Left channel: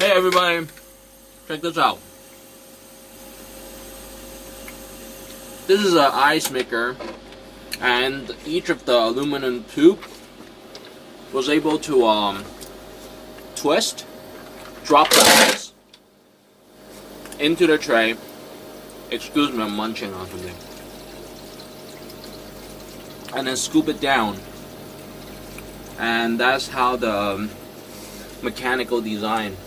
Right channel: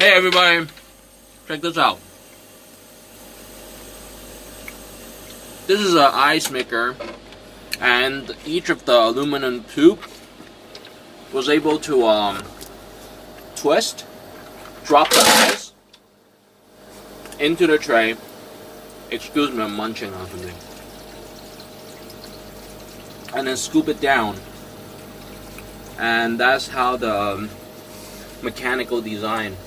Hey everybody, check this out. This is an ice maker, and each of the aluminum tube was able to twist, drop the ice into the tray. Excuse me, I'm munching on something. And then scoop it down. And that's how the mechanical design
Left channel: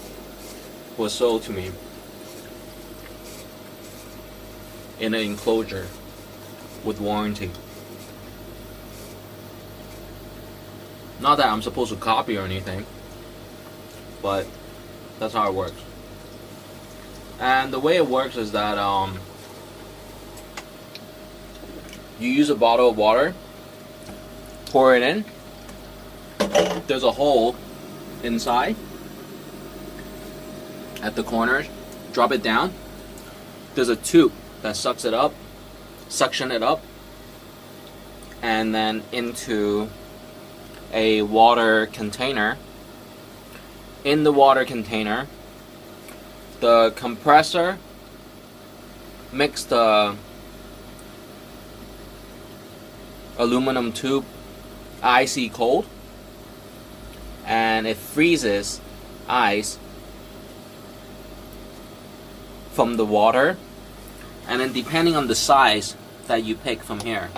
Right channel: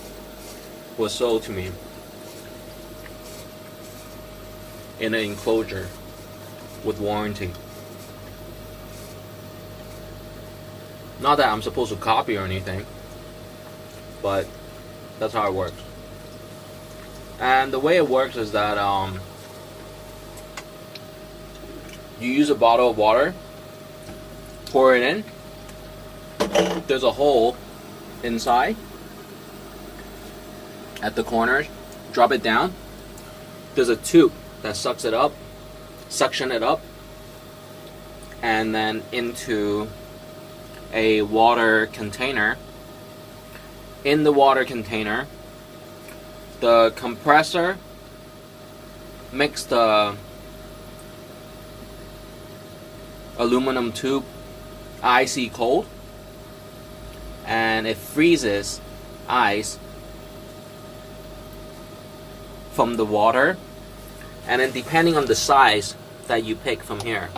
was sold to me in an enclosure with warranty. Not that I'm supposed to copy or anything, but that's how it works. And the way it works is that you use a bottle of water, pour it in, there's a hole inside at the corners, drop it down, there's a tube that sucks it up, suction it up, and then into a water container. In the water container, the compressor makes the aluminum tube icy cold, and it freezes ice from the water, and then depending on the size that you pick from here,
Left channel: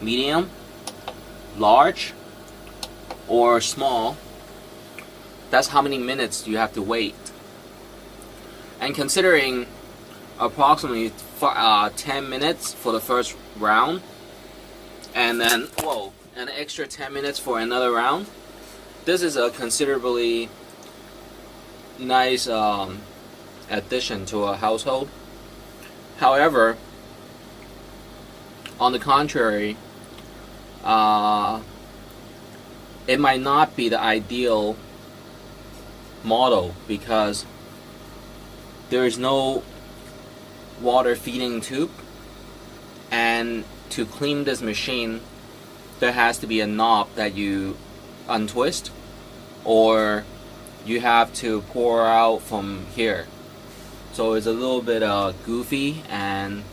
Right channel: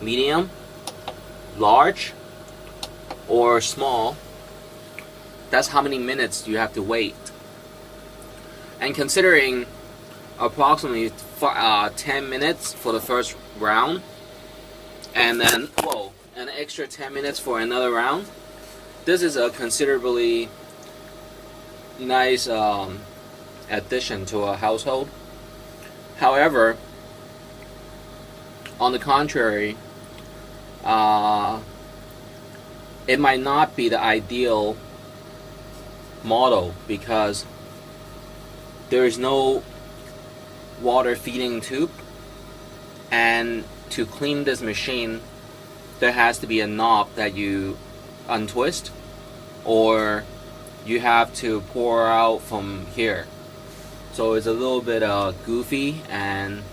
medium, large, or small, that's how many minutes you have to wait. And considering approximately 10 minutes for the first round, and then an extra 10 minutes for another round, this is a considerably nice addition to a household. However, on the contrary, it might not be the ideal model because there is no water feeding tube, and to clean this machine there has to be a knob that you untwist, or you have to pour out from here. So it's a little bit goofy, and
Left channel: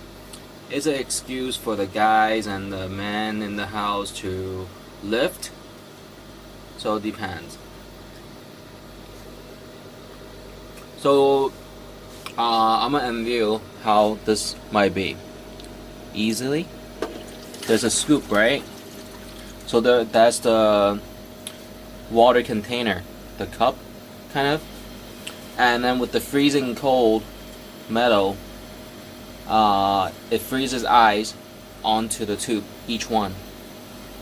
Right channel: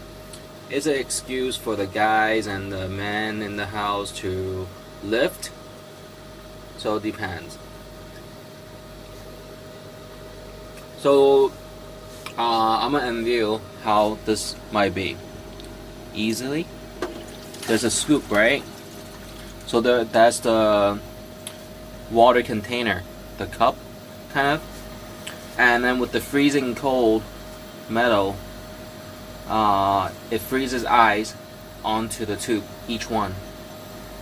it's an excuse for the guys and the men in the house to lift. So it depends. So I'm gonna unveil how this might be. Easily, there's a scoop, right? So that's the water container, the cup, kind of. And then with the freezing cold metal, it freezes ice onto the tube, each one,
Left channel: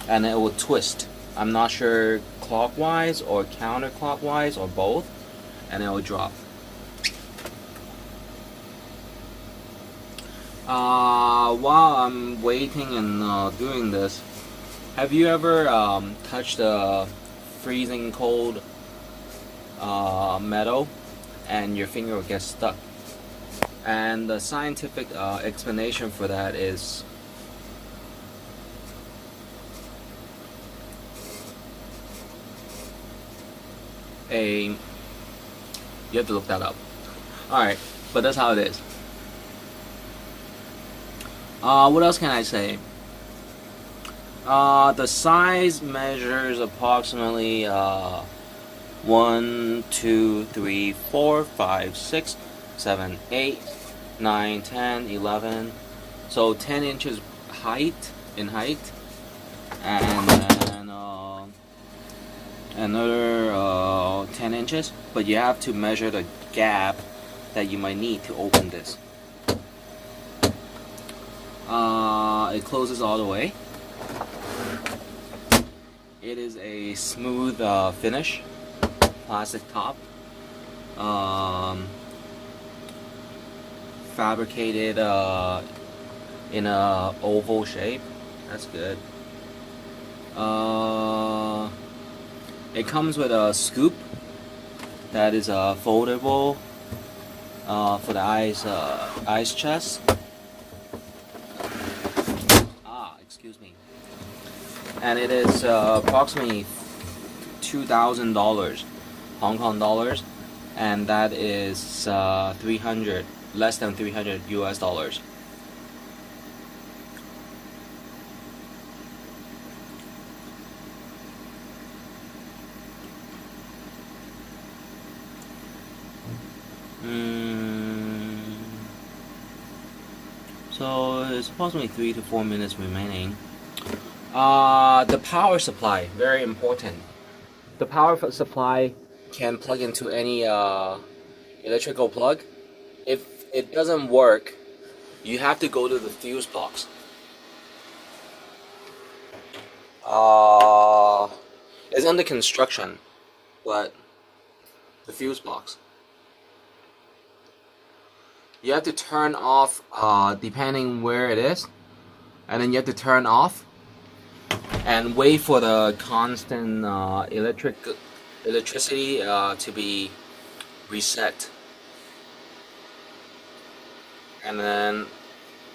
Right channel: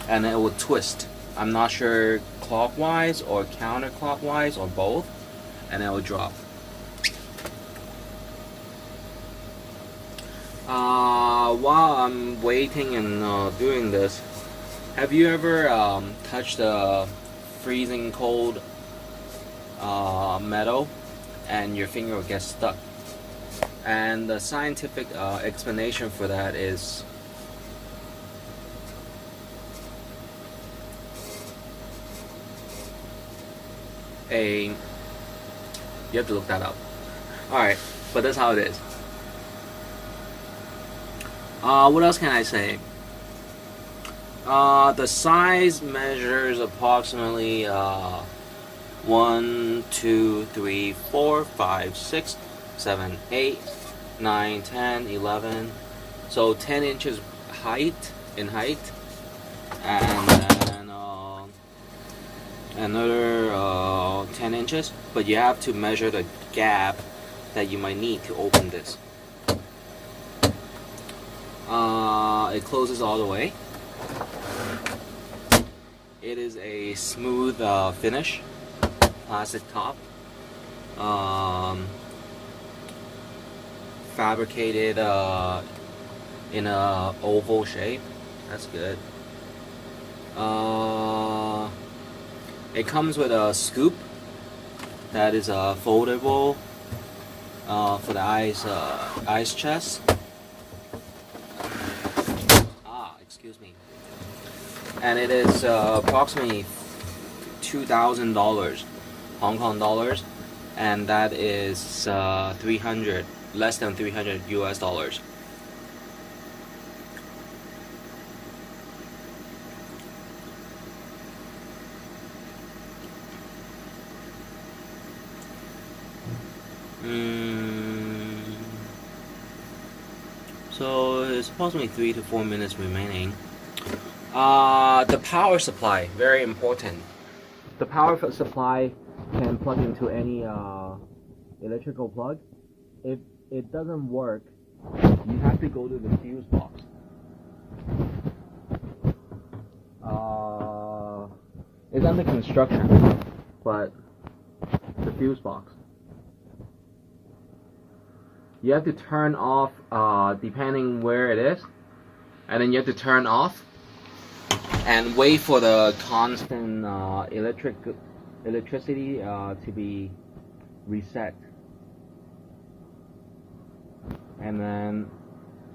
and it will twist. I'm not sure clockwise or counterclockwise or both, and it will drop. While I'm waiting and doing this, have you ever touched a freezing cold metal and your finger will get stuck? And the scientific explanation for that is you have to look that up. Alright, but that's how it is. What else can I say? The size measures approximately 1, 2, 3, 4, 5, 6, 7, 8, 9, 10, 11. So 10 inches in height, and then another 10 inches. But you have to measure the gap that you might need to open this. It closes all the way. It is a smooth finish, plastic top, fabricated in a oval shape. That's good. It comes with a scoop that is foldable for the ice chest. Excuse me. And it is approximately $2,000 Hong Kong dollars. and that is 300, less than 300 US dollars. So it's approximately 3 to 4 minutes remaining. The power supply, very important. The power supply can plug into any electrical plug. If it doesn't work, you have to go to the fuse box. It's under construction, but the fuse box. You have to turn off depending where it is, and then you have to turn off and wait for the constant electricity to be reset, and then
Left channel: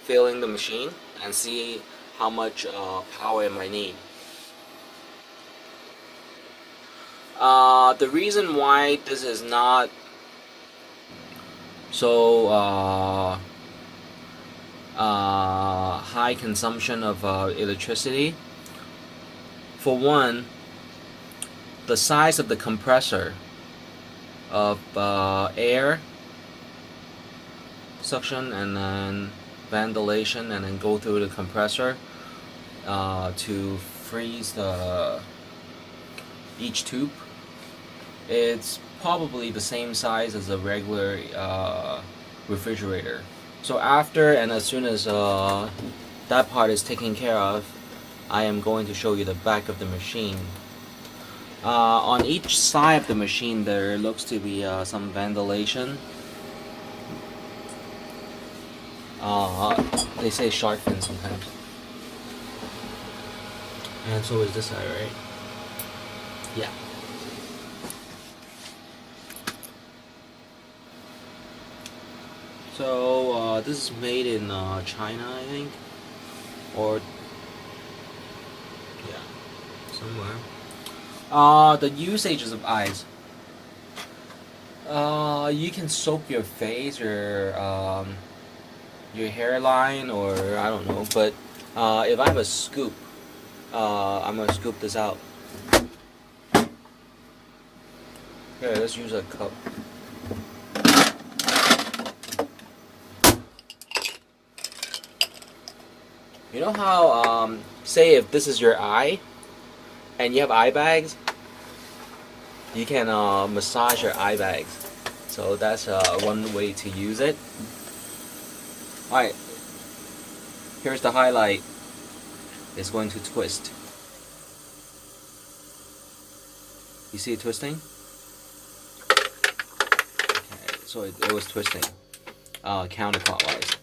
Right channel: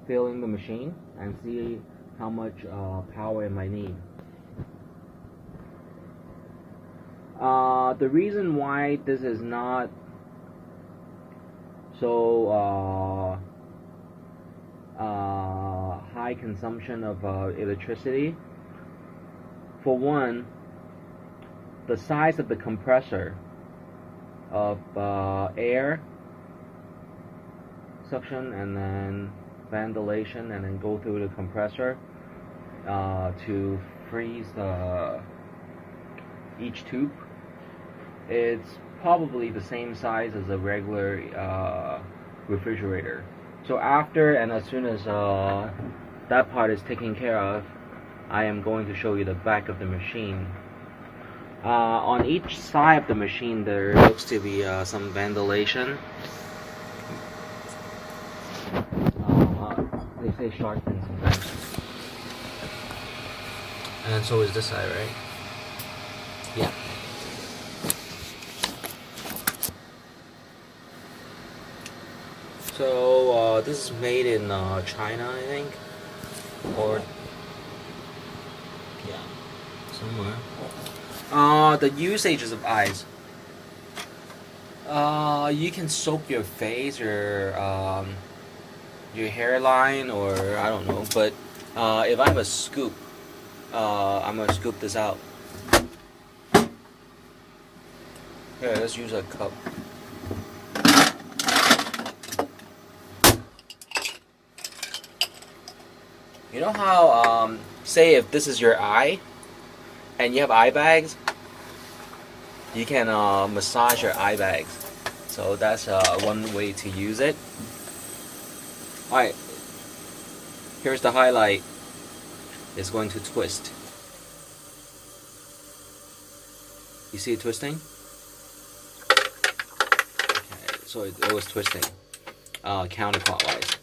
filling the machine and see how much power it might need. The reason why this is not so high consumption of electricity, for one, the size of the compressor of air suction and then ventilation and then go through the compressor to freeze each tube. It's probably the same size as a regular refrigerator. So after and as soon as that part is taken care of, I am going to show you the back of the machine. On each side of the machine there looks to be some ventilation. They say shark fin sometimes. And so is this side, right? Yeah. So this is made in China, I think, or yeah, somewhere. The usages of ice. You can soap your face or your hairline, or I don't know. But if I have a scoop, I'm gonna scoop this out. Here, let's use a cup. You know how, say if this is your eye, and you have eye bags, you can massage your eye bags. So that's one way to use it. Alright, here's the highlight. It's going to twist. You see it twisting? Okay, so it was twisting counterclockwise.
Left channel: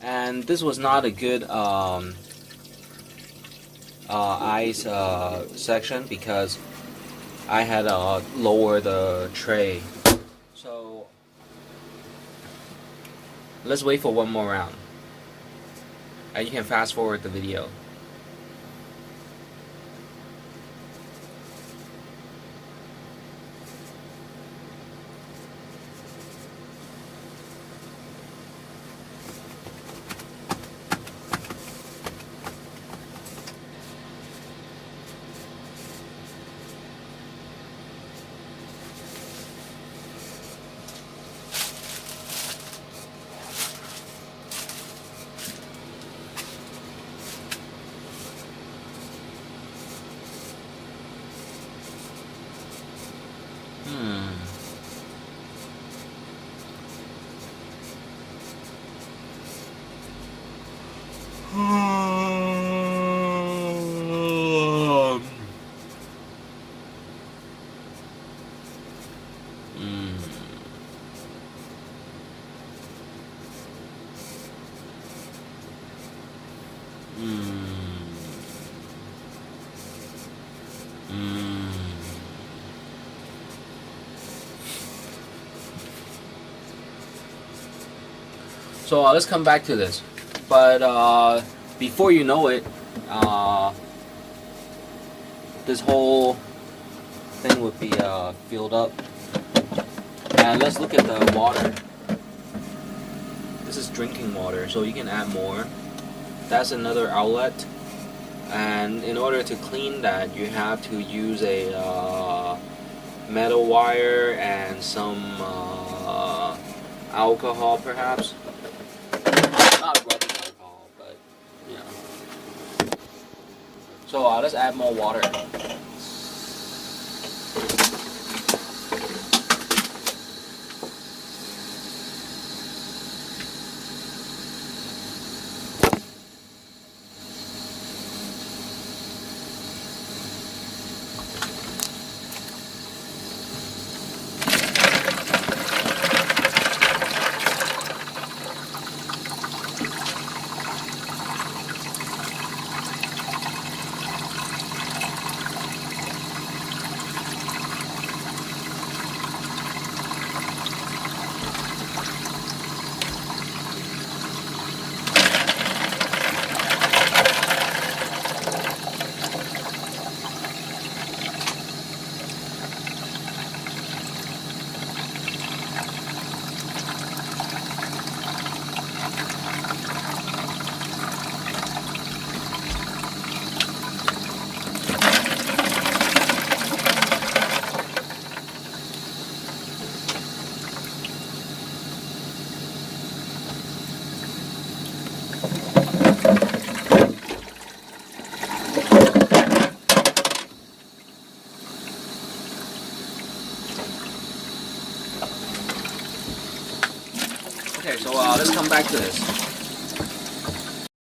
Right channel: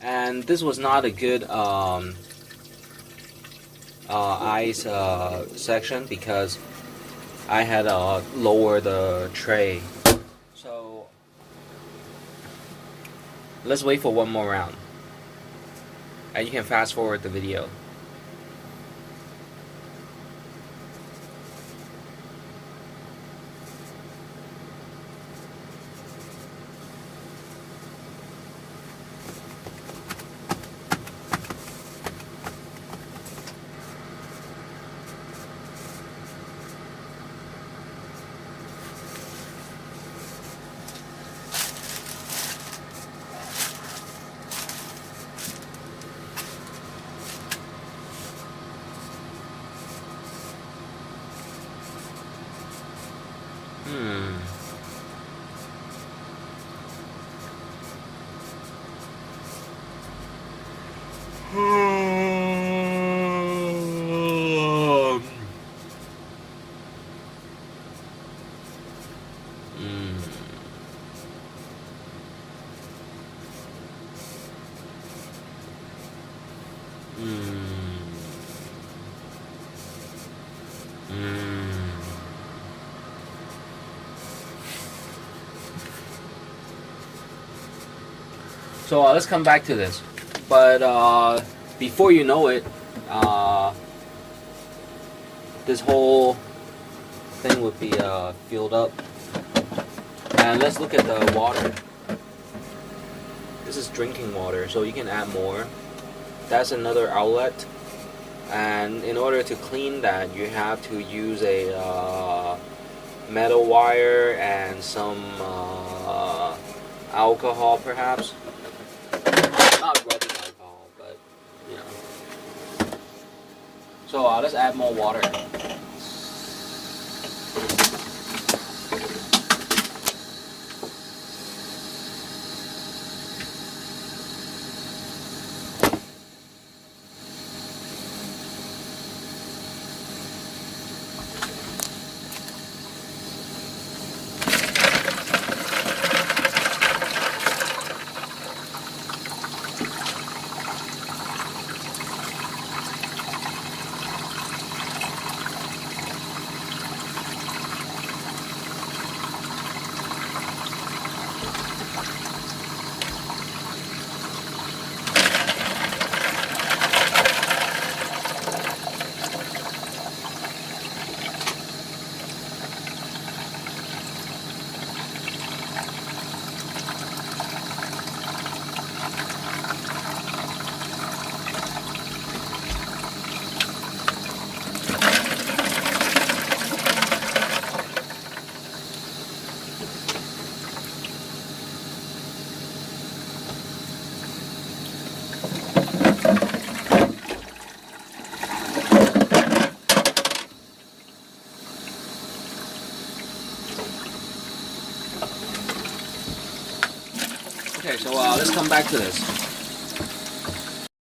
And this was not a good ice section because I had lowered the tray. So let's wait for one more round, and you can fast forward the video. So let's come back to this. But before you know it, this whole thing would be filled up. And let's look at the water. This is drinking water, so you can add more. That's another outlet. And in order to clean that, you have to use a metal wire and some alcohol, perhaps. Not rubbing alcohol, but you know. So let's add more water. Okay, so let's come back to this.